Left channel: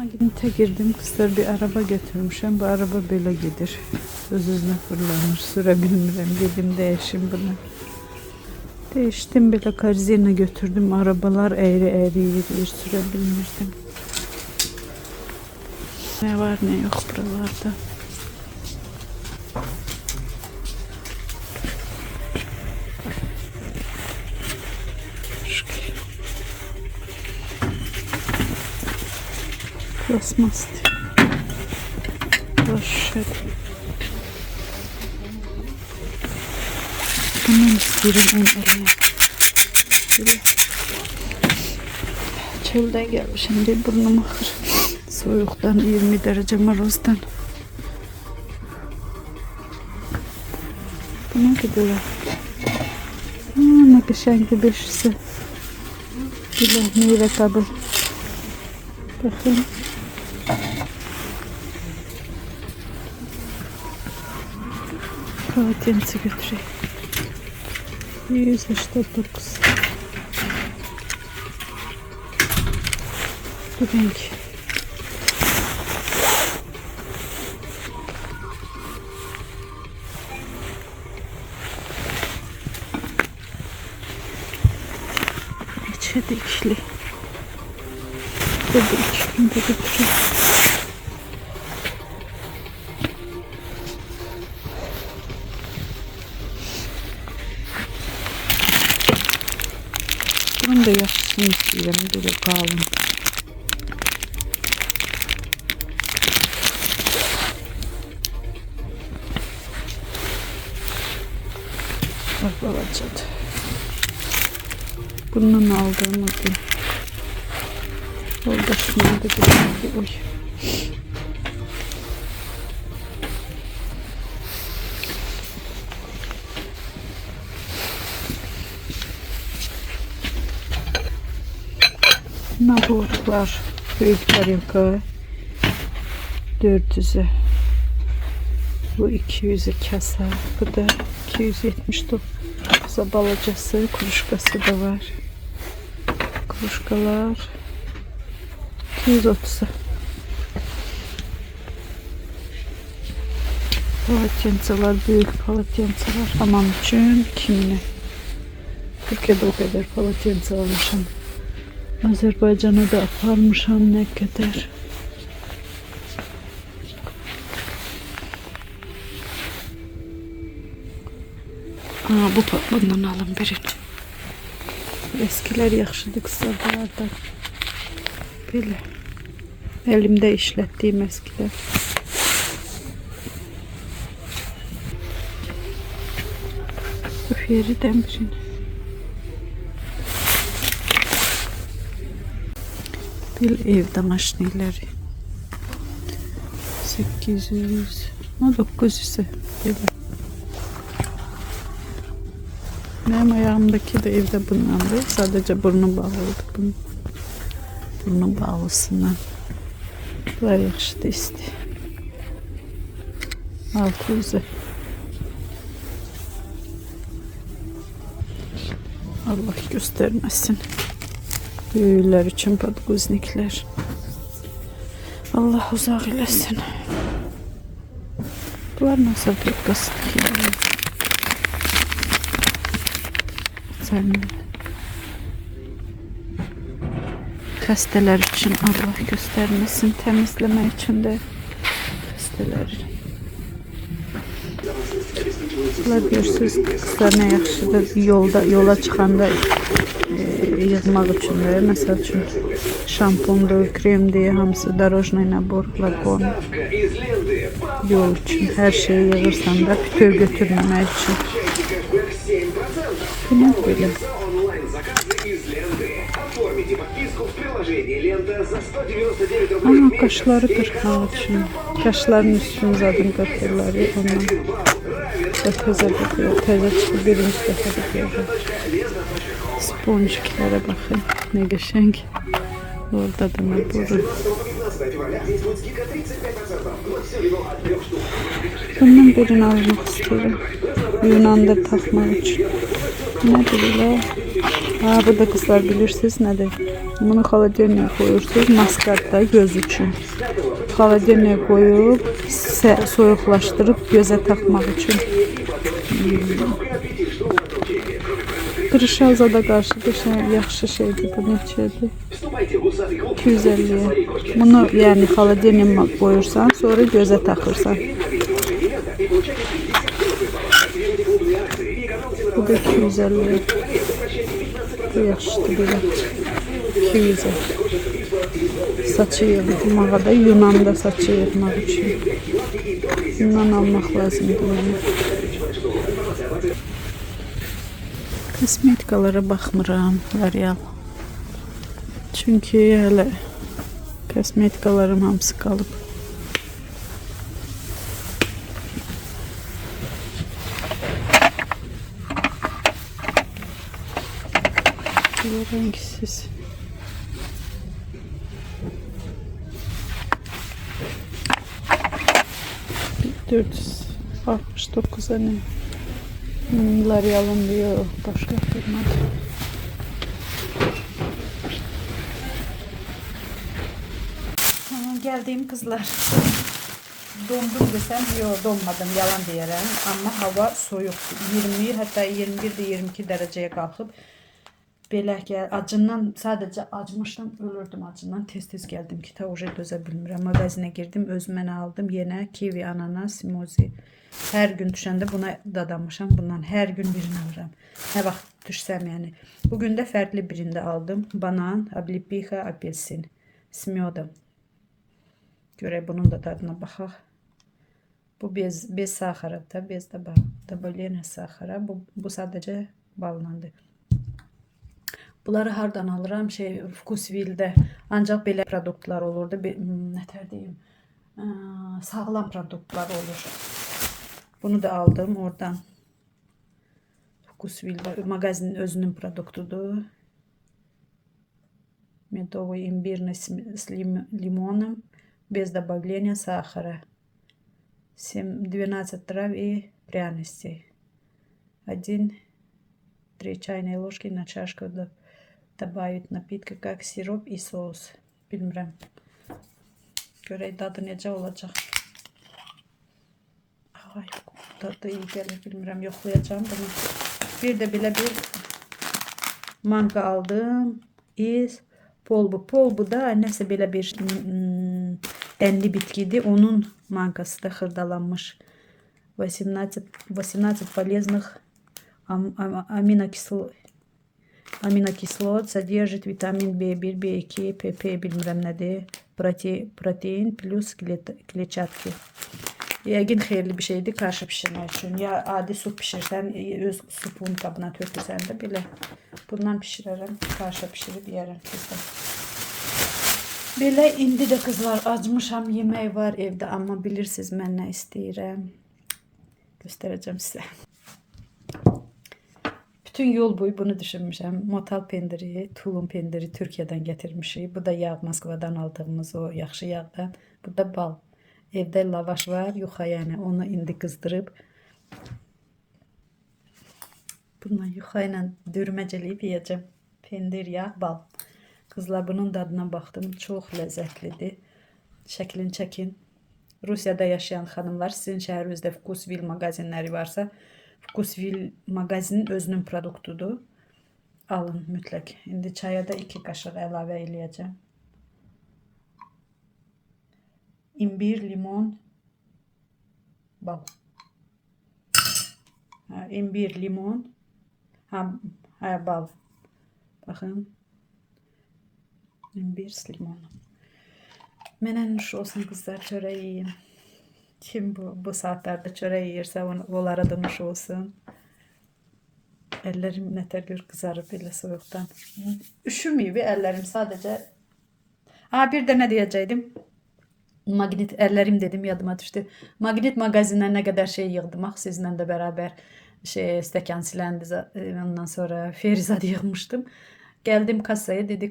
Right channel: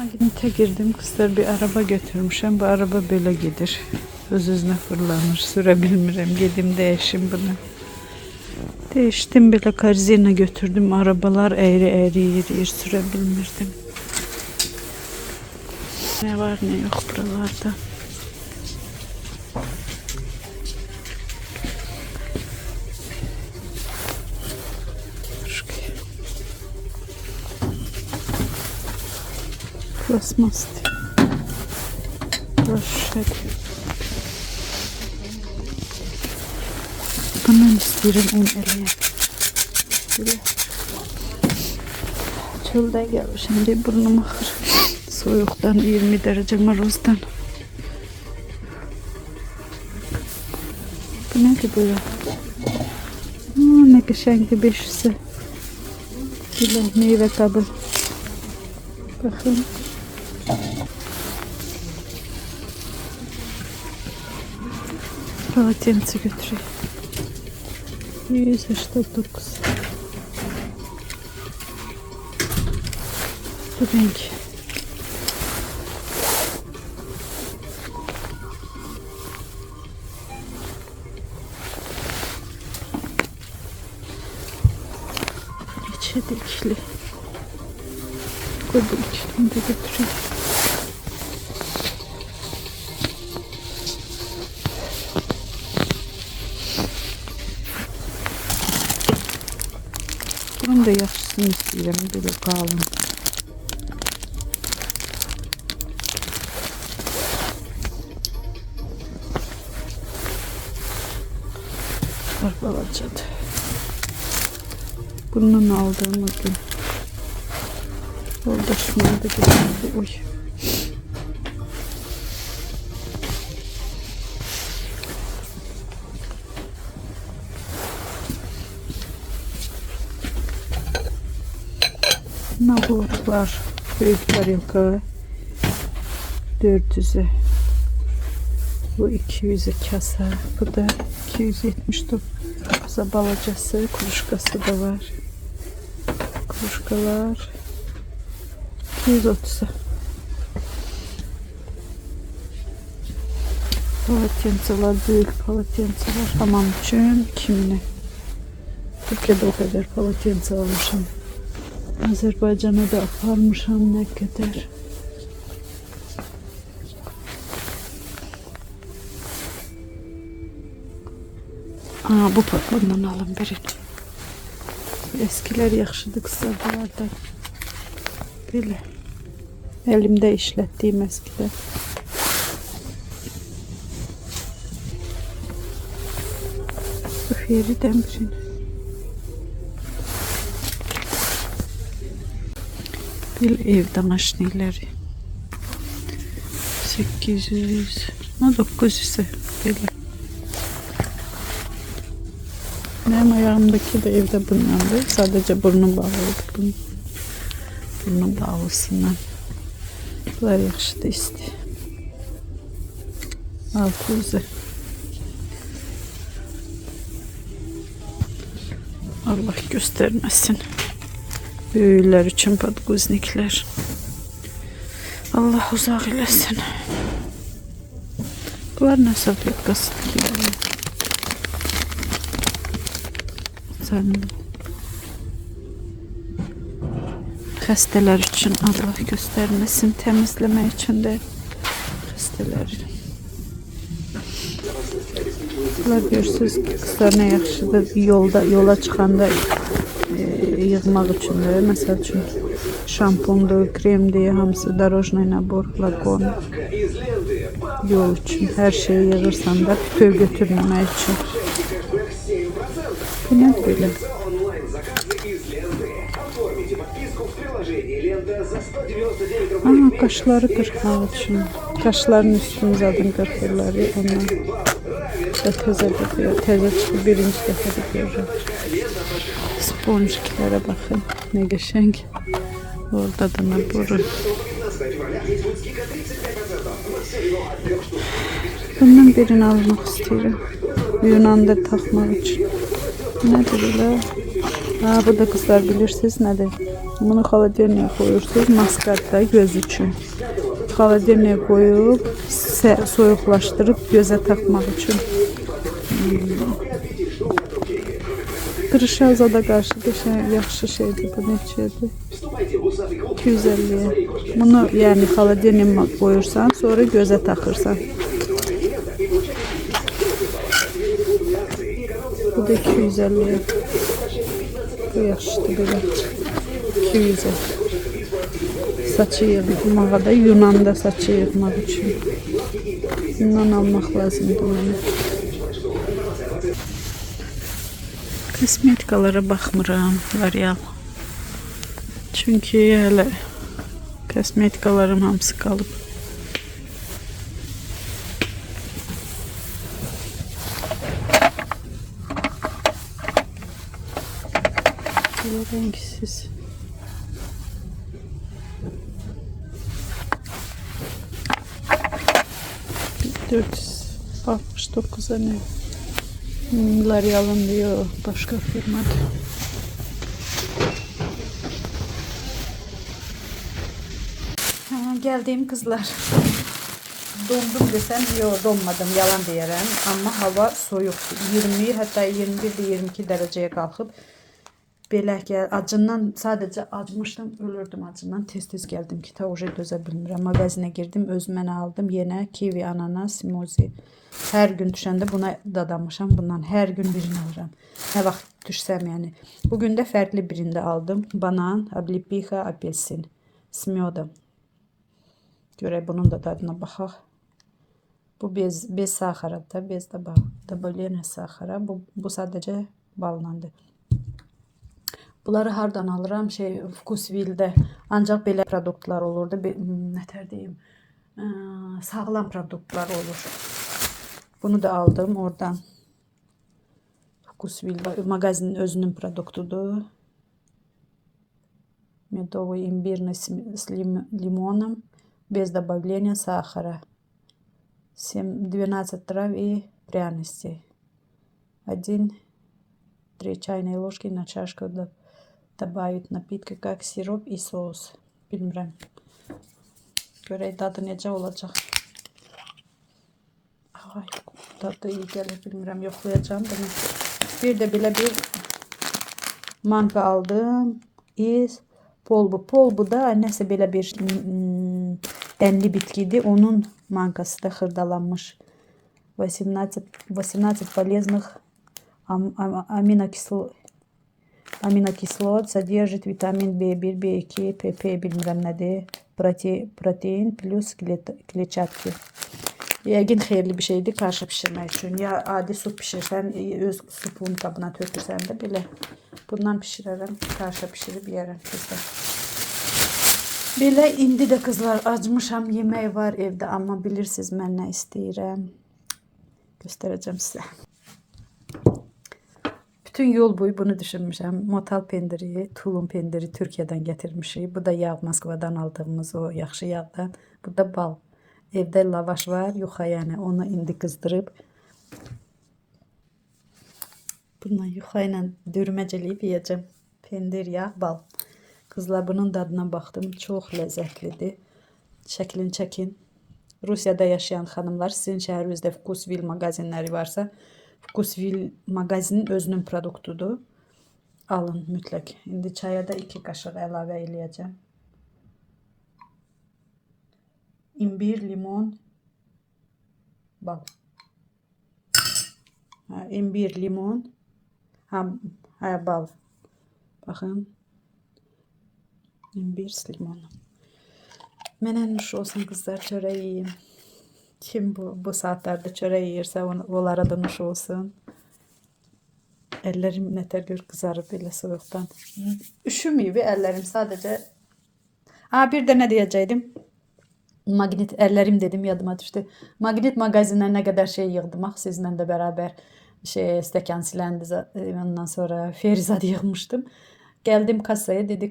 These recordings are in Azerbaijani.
Magnete girdim. Kızlar bir araba götürmüşüm. Bu araba böyle gider. Öz-özünə fırlanır. Sürebilmirəm. Gedim değişim bunu. Değiştim bile karzina götürdüm. Arabalar eğri yeriyir. Sürebilmirdim. Ne var ne yok buralarda. Plasmas. Boş ver. Bundan istiyorum en eleye. Böyle. Çölden gelmişim diye burnum akır. Soğuktan 20 derece marozdan. Bu ne kadar? Ne güzel bir beşisi. Böyle meyve kabı. Bakın. Полотенце götüreyim. 189. Bu renk. İçe dikişli. Burada 2000'de götüreyim. Bunun da yaşlısını istiyorum. Böyle kalın. Balacadı. Bundan aldığımı gün. Orada şuna da getirdi. Oy. Naburlar. Büyükler yukarı. 400'e. Bu 200'e kasa. Bu da 279. Balacası, kuruşkası da var. Kuruşkalar 230'a. Palatyansalar, büyük palatyansalar. Hamam için kimine? Türkiye'de o kadar palatyansa almışım. Azerbaycan'a da aparmışım ne kadar. Bu bundan alın birini. Eskiler yaxşıdır kısalarda. Böyle. Elimde işlettiğim eskiler. Üfyeriden birini. Bir ev damaşnileri. 800. 900'e. Böyle. Benim ayağımdaki de evde bundandı. Sadece burnu bağlıydı bunun. Burnu bağlısından. Bunlar yaxşıdır isti. 600'e. Allah göstermesin. Büyükler için podguznikler. Allah uzak eləsin. Bunlar nasıl pek kasıt ki? Xəstələr için Allah göstermesin, temizleme için de xəstələr. Bunlar görürsünüz, kızlar ne yaxşıdır yola çıxanda yığmaq üçün də, məsəl üçün şampundur, kremdir, hamısı darojnoy nabor, flakon, yol üçün hər şeyi yığırsan da bütöv götürməmək üçün. Bu ne böyle? Aha, kaşları kırpmak için. Kaşların üstünü zaten kırpırlar ya ondan. Teze çıktı birinci defa diyorlar. Sponjikilere bakın. Ne geçenk. Orada da ne boru. Bundan birini almak istiyorum. Yunan'da takmak için. Nedir öyle? Bu da kızlar bilirsiniz nedir? Bunu xaladelniyə koyursunuz. Maskatda göz üçün. Xaladelniyə koyup soyuqlaşdırıb gözə taxmaq üçün. Qırışa zada qarşı yaxşı şeydir. Bu neçədir? 250'ye. Bunu yani xaladelniyə koyursan, sonra gözə taxırsan. Bu da 250'ye. Bu yaxşıdır belə. 200'e. Saçı yığmağa da, Yunanda saçı yığmaq üçün. Bundan almaq lazımdır mənə. Kosmetikalara baxmıram, L'Oreal. Çünki hələ kosmetikalarım hamısı qalıb. Belə rəngsiz. $469'a ne? L'Oreal'ın diyor, başka firmada. Geldiğim kızlar. Dondum desem yok, donmadım, yalan diyerəm. Ama hava soyuq. 20, hatta 21-22 dereceye kalkıp belə acından sadece acmışdım, ölürdüm acından. Tez geldim ki ta oje dözə bilmirəm. Mağazinə girdim, özümə aldım. Yenə kivi, ananas, smozi. Hər gün düşəndə buna dadamışam. Bundan hər gün birini alıram. Nə vaxt düşsəm yəni. Bugün də fərqli birində aldım. Banan, облепиха, apelsin. Smyodum. Görək bunun da dadına baxaq. Bu bez saxarıdır. Bez də добавление saxara. Bu sadece ballandır. Bunları hardan alıram? Vkusvil'də. Ancaq belə produktlar olurdu. Nətər deyim? Sağlam produktlar olur. Bunu da aldım oradan. Vkusvil'də. Mağazinin özünün produktudur. Медовый имбирный с лимоном. Без добавления сахара. 12 трав и пряностей. 1-3 чайные ложки на чашку добавить напитки, как сироп и соус. Bilmirəm. Görək dadı necə olacaq. Ay, dadı iyi gəlir, bilmirəm, yoxlayacağım bunu. Bir də belə bir manka aldım. Polbu da nəsə belə bir enli bitkidir. Onun mankası da xırdalanmış. 18 полезных аминокислот содержит vitamin B1, B2, PP bilmirəm nədir. Protein plus kletçatki. Yəqin xeyirli bir şeydir karşı pişirmək üçün. Ya adi su pişirsən, öz supun qabına tökürsən də belə. Bundan pişirərəm, karşı pişirib yerəm kızlar. Belə indi də kızlar acmışam, yemək var evdə, amma bilirsiniz mən nə istəyirəm. Göstərəcəm sizə. Bütün yol boyu bunu düşünmüşəm. Motal pendiri, tulum pendiri Türkiyədən gətirmişik. Bu da yağ, Moskvadan aldığımız o yaxşı yağdan. Bu da bal. Evdə lavaş var, yuxa yəni. Onu indi qızdırıb. Bundan yuxa ilə dürməcəliyib yiyəcəm. Pendir, yağ, bal. Kızlar bunun dadına baxdım. Çox ləzzətlidir. Şəklini çəkin. Rusiyada yaşayan xanımlar, sizin şəhərinizdə Vkusvil mağazinləri varsa, Vkusvil mağazinin özünün produktudur. Alın mütləq. İndi çaya da 2 qaşıq əlavə eləyəcəm. İmbir, limon, bal. İmbir, limon, bal. Baxın. İmbir, limon. Mənə nuş olsun kızlar, çörək yiyin. Kim bu saatlarda çörək yiyirsə onlara da nuş olsun. Əllərim nətər gör qızarıb belə soyuqdan. Üşümüyüb əllərim sadəcə. Bir də nə deyəcəkdim? Magnet əllərim dedim, yadıma düşdü. Magnet mağazinə nə qədər şey yığdım. Sizlə də bərabər stəkan siləndi. Ondan sonra ferizad yığmışdım. Gəldim kasaya, dedi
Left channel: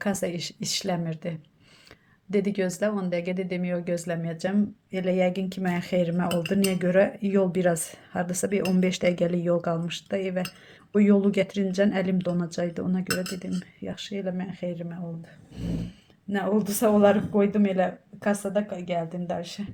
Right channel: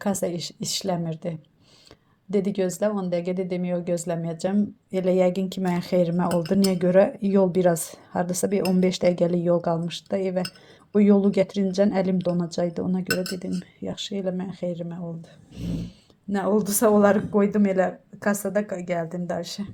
kasa işləmirdi. Dedi gözlə 10 dəqiqə, dedim yox gözləməyəcəm. Elə yəqin ki mənim xeyrimə oldu. Niyə görə? Yol biraz hardasa bir 15 dəqiqəlik yol qalmışdı da evə. Bu yolu gətirincən əlim donacaqdı. Ona görə dedim, yaxşı elə mən xeyrimə oldu. Nə oldusa onları qoydum elə kasada gəldim dərşə.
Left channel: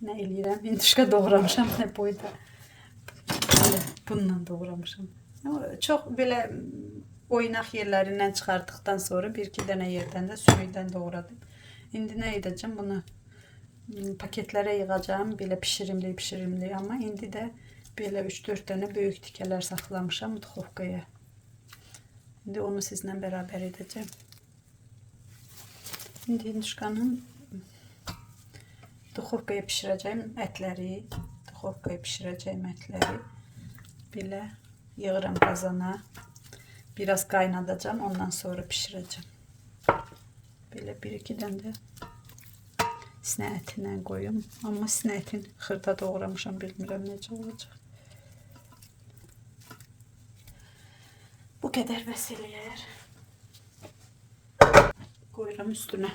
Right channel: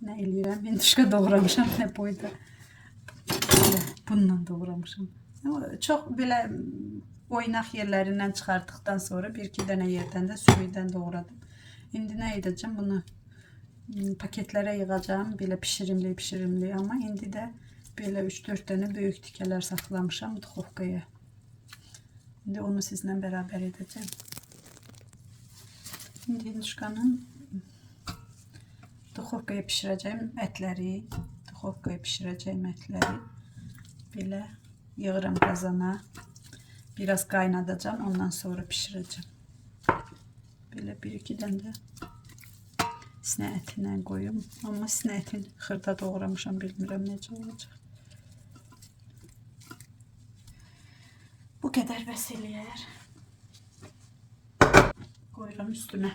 Nə eləyirəm? Hinduşka doğramışam, nə boyda. Bununla doğramışam. Çox belə oynaq yerlərindən çıxartdıqdan sonra bir-iki dənə yerdən də sürüdən doğradım. İndi nə edəcəm? Bunu paketlərə yığacağım. Belə pişirimli. Amma indi də belə 3-4 dənə böyük tikələr saxlamışam duxovkaya. İndi onu sizlə bərabər edəcəm. İndi hinduşkanın duxovkaya pişirəcəyim ətləri. Belə yığıram qazana. Biraz qaynadacağım. Ondan sonra pişirəcəm. Belə 1-2 dənə də sinə ətinə qoyum. Amma sinə ətin xırda doğramışam. Bilmirəm necə olacaq. Bu qədər bəs eləyər. Qoyuram üstünə.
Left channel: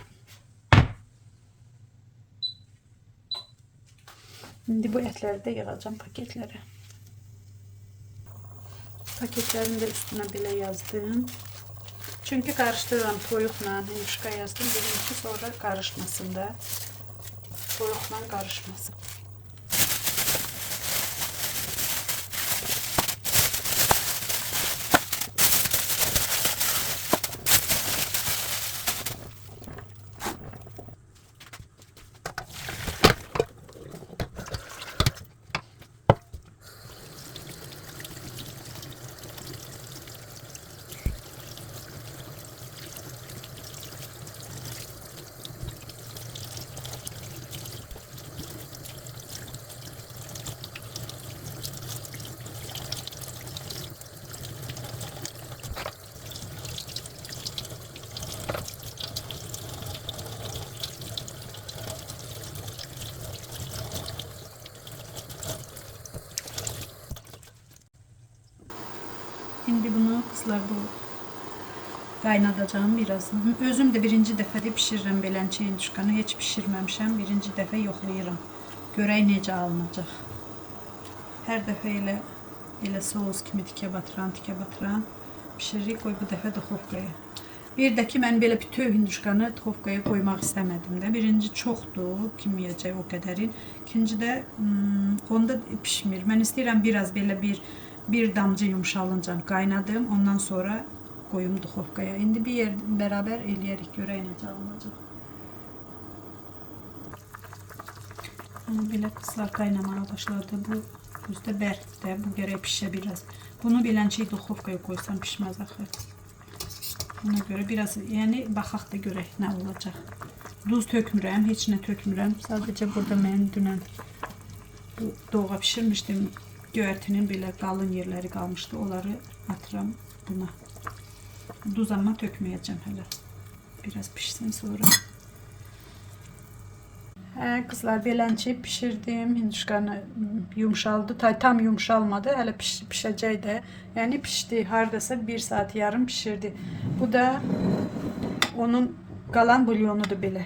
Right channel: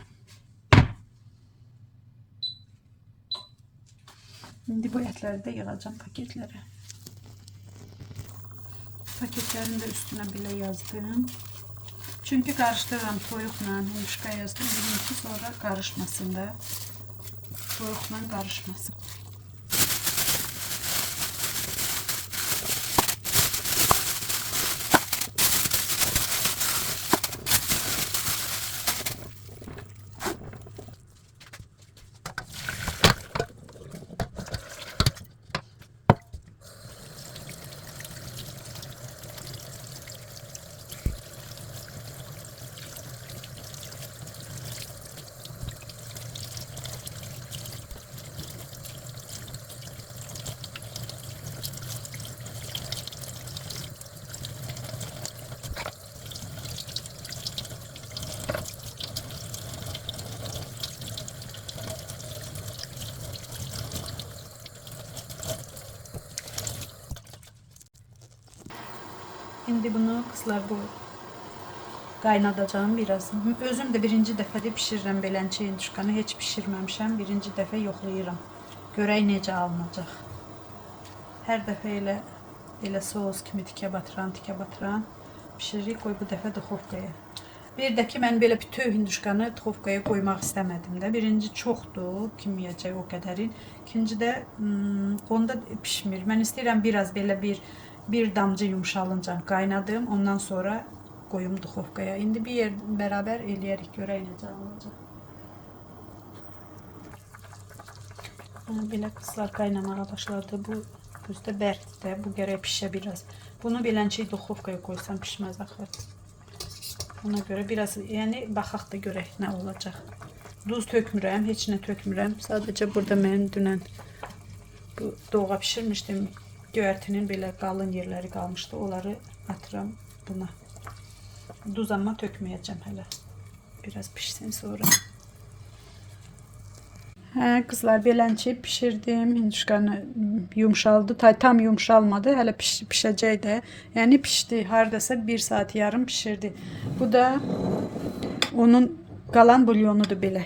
İndi bu ətləri də yığacağım paketlərə. Paketlərini də üstünə belə yazdım. Çünki qarışdırıram toyuqla, hinduşka yazdım. Birincisi sonra qarışmasın da. Toyuqla qarışmasın. Şimdi bunu kızlar bu qaynadacağım biraz. Özüm de birinci dəfədə pişirirəm belənçə hinduşkanı. Heç pişirməmişəm. Birinci dəfə yoxlayıram. Görək necə alınacaq. Hər dəfə elə soğuz kimi tikə batıran pişiririk. Qoy bu dəfə duxovkaya. Bir də ki mən belə bütöv hinduşkanı duxovkaya qoymaq istəmədim də. Birinci çoxdur, kim yeyəcək o qədərin. İkinci də onda pişmir. Mən istəyirəm biraz belə bir damcı yumşalınca qaynadım. Ondan sonra qoyum duxovkaya. İndi bir yer bərabər eləyərik. Görək necə alınacaq. Belə qızlar qaynamaya başladı. Bu Özü də bərkdir də, bu gərək pişə biraz. Bunu belənçəyi duxovkaya qoysam pişməz axı. Ona görə biraz, yəni baxaq da görək nə olacaq. Duz tökmürəm, heç nə tökmürəm. Sadəcə burada mən dünən bu doğğa pişirmişdim. Göyərtinin belə qalın yerləri qalmışdı. Onları atıram buna. Duz amma tökməyəcəm hələ. Biraz pişsin sonra. Hə, qızlar, belənçi pişirdim. Hinduşkanı yumşaldı. Tam yumşalmadı. Hələ pişəcək də. Yəni pişdi. Hardasa 1 saat yarım pişirdi. Bu da onun qalan bulyonudur belə.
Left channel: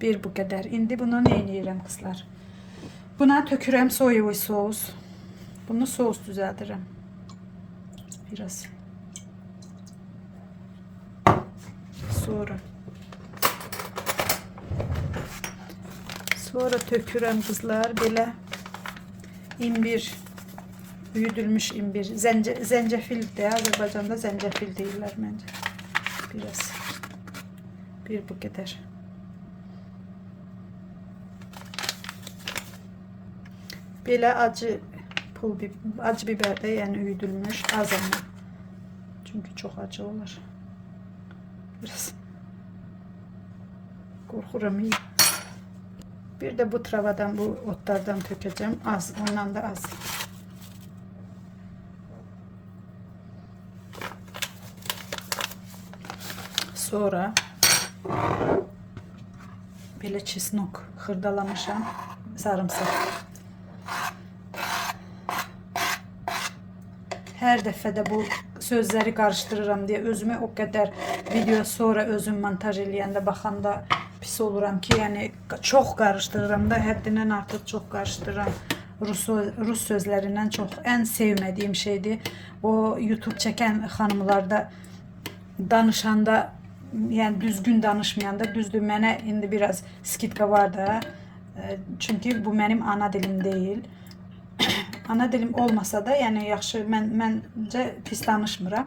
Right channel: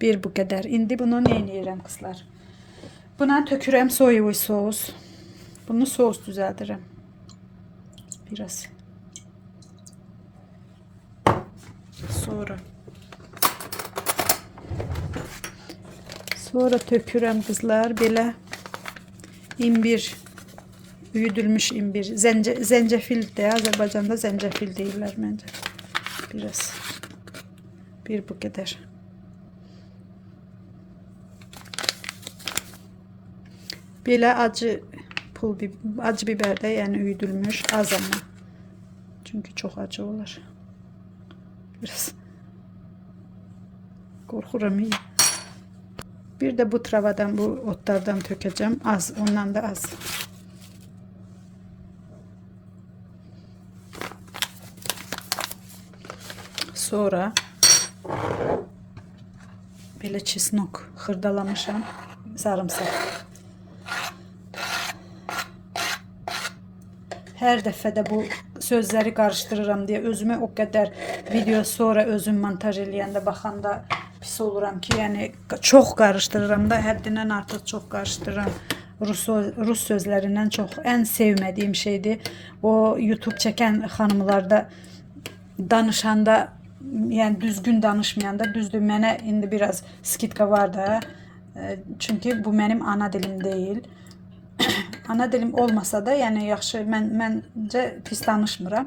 Bir bu qədər. İndi bunu nə edirəm qızlar? Buna tökürəm soyuv sos. Bunu sos düzəldirəm. Biraz. Sonra tökürəm qızlar belə imbir, üyüdülmüş imbir, zəncəfil də, Azərbaycanda zəncəfil deyirlər məncə. Biraz. Bir bu qədər. Belə acı biber də, yəni üyüdülmüş, az amma. Çünki çox acı olur. Biraz. Qorxuram iyi. Bir de bu travadan, bu otlardan tökeceğim. Az, ondan da az. Sonra böyle çesnok xırdalamışam, sarımsak. Hər dəfə bu sözləri qarışdırıram deyə özümü o qədər video sonra özüm montaj eləyəndə baxanda pis oluram ki, yəni çox qarışdırıram da, həddindən artıq çox qarışdırıram. Rus sözlərindən çox ən sevmədiyim şeydir. O YouTube çəkən xanımlarda danışanda, yəni düzgün danışmayanda, düzdür mənə indi biraz skitka var da. Çünki bu mənim ana dilim deyil. Ana dilim olmasa da, yəni yaxşı, məncə pis danışmıram.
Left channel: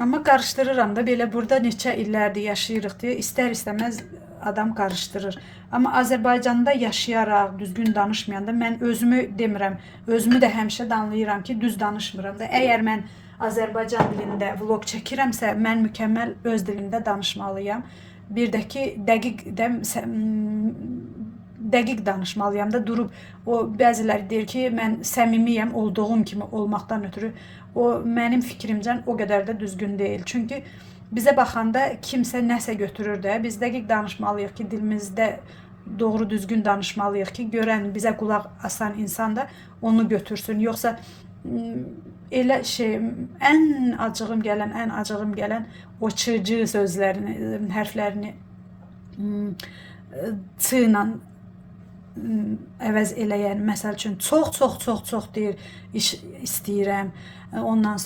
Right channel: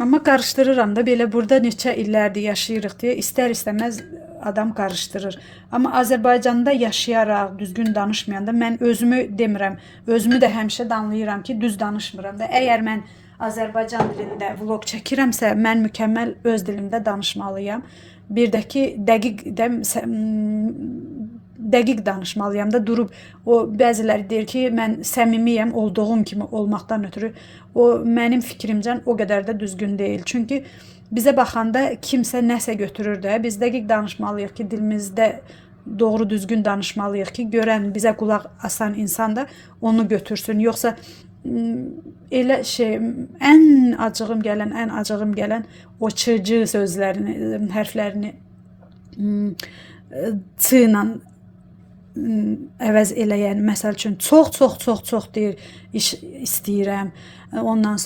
Amma qarışdırıram da, belə burada neçə illərdir yaşayırıq deyə istər-istəməz adam qarışdırır. Amma Azərbaycanda yaşayaraq, düzgün danışmayanda mən özümü demirəm. Özümü də həmişə danlayıram ki, düz danışmıram da. Əgər mən Azərbaycan dilində vlog çəkirəmsə, mən mükəmməl öz dilimdə danışmalıyam. Bir də ki, dəqiq danışmalıyam da, durub o bəziləri deyir ki, mən səmimiyəm olduğum kimi olmaqdan ötürü. O mənim fikrimcə o qədər də düzgün deyil. Çünki bizə baxanda kimsə nəsə götürür də, biz dəqiq danışmalıyıq ki, dilimizdə doğru düzgün danışmalıyıq ki, görən, bizə qulaq asan insan da onu götürsün. Yoxsa elə şey, ən acığım gələn o çırcı sözlərini, hərflərini ç ilə əvəz eləyən, məsəl üçün çox deyir, iş istəyirəm. Ondan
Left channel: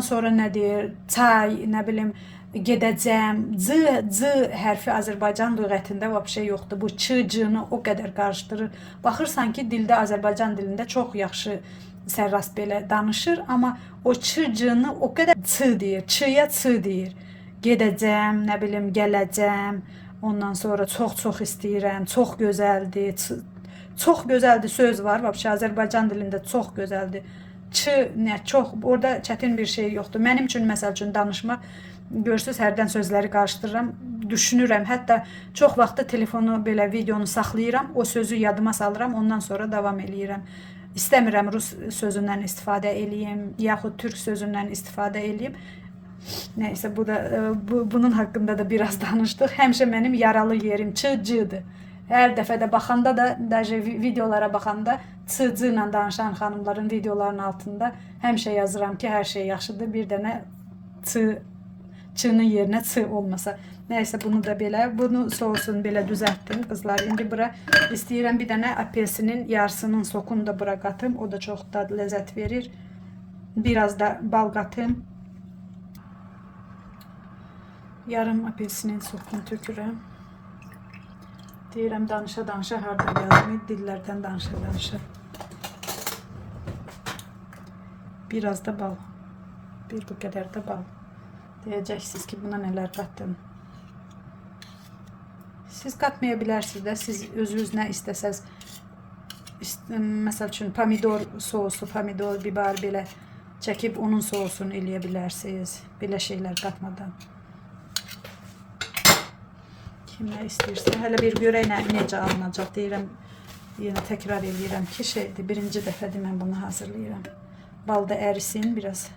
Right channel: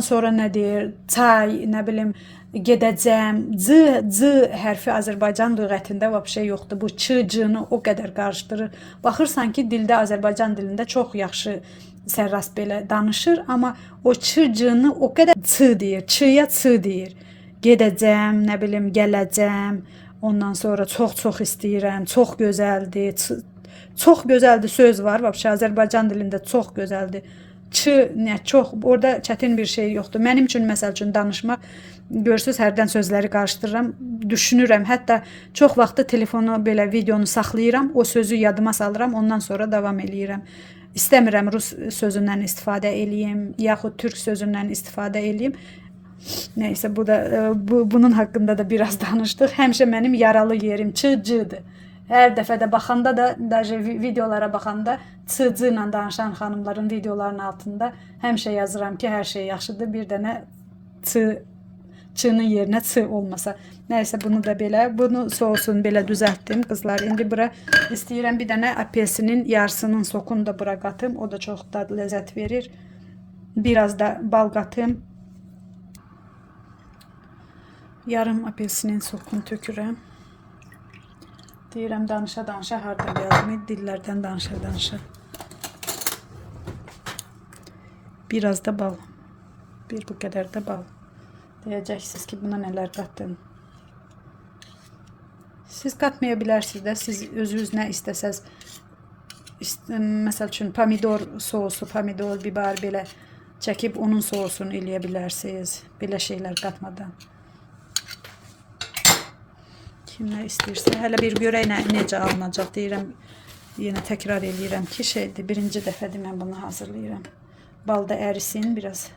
sonra nə deyir? Çay, nə bilim, gedəcəm. C hərfi Azərbaycan lüğətində vəbşə yoxdur. Bu ç-cını o qədər qarışdırır. Baxırsan ki, dildə, Azərbaycan dilində çox yaxşı sərrast belə danışır, amma o ç-cını o qədər ç deyir. Ç-ya ç deyir. Gedəcəm, nə bilim, gələcəm. Ondan sonra çox istəyirəm, çox gözəldir. Çox gözəldir söz var. Vəbşə Azərbaycan dilində çox gözəldir. Çox, orada çətin bir şey yoxdur. Mənim üçün, məsəl üçün, danışmaq, görürsünüz, hərdən sözləri qarışdırıram, düşünürəm. Hətta çox vaxtda telefonu, belə videonu saxlayıram, o sözü yadıma salıram, ondan sonra davam eləyirəm. İstəmirəm rus sözündən istifadə eləyim, yaxud türk sözündən istifadə eləyim. Nəysə, bunun haqqında da biraz danışdıq. Həmişə mənim yaralı yerim ç-cıdır. Hər dəfə də baxanda da, videolara baxanda ç-cı ilə danışan xanımların videolarının altında həmişə yazıram ki, hər şey yaxşıdır. Bir dənə ç-nın yerinə ç olmasa. Nəysə, bunu da belə, bunu sousunu belə düzəltdim qızlar. İndi bura istəyirəm bir dənə apelsinin yarısının sokunu da bura qatım. O da çox dad ləzzət verir. Biraz da bal qatım. Yarım apelsinin sokunu tökürəm. Deyirəm, danışa hardan yazmayı, dillərdən danışa. Biraz da bal. Bir bu qədər də bal. Deyəcəksiniz ki, buna nələr qatdım. Siz qatmaya bilərsiniz də, siz özünüz nə istəsəz Məsəl üçün pomidor sosu, pomidor, biber belə çəkib onun sosunu eləyə bilərsiniz. Belə şeylər qatmadan. Kim nə istəyirsə. Hələ bir görək necə alınacaq deyirəm. Yenə təkrar edirəm ki, şeydir. Birinci dəfədir mən bunu hazırlayıram. Bal da ərisin biraz.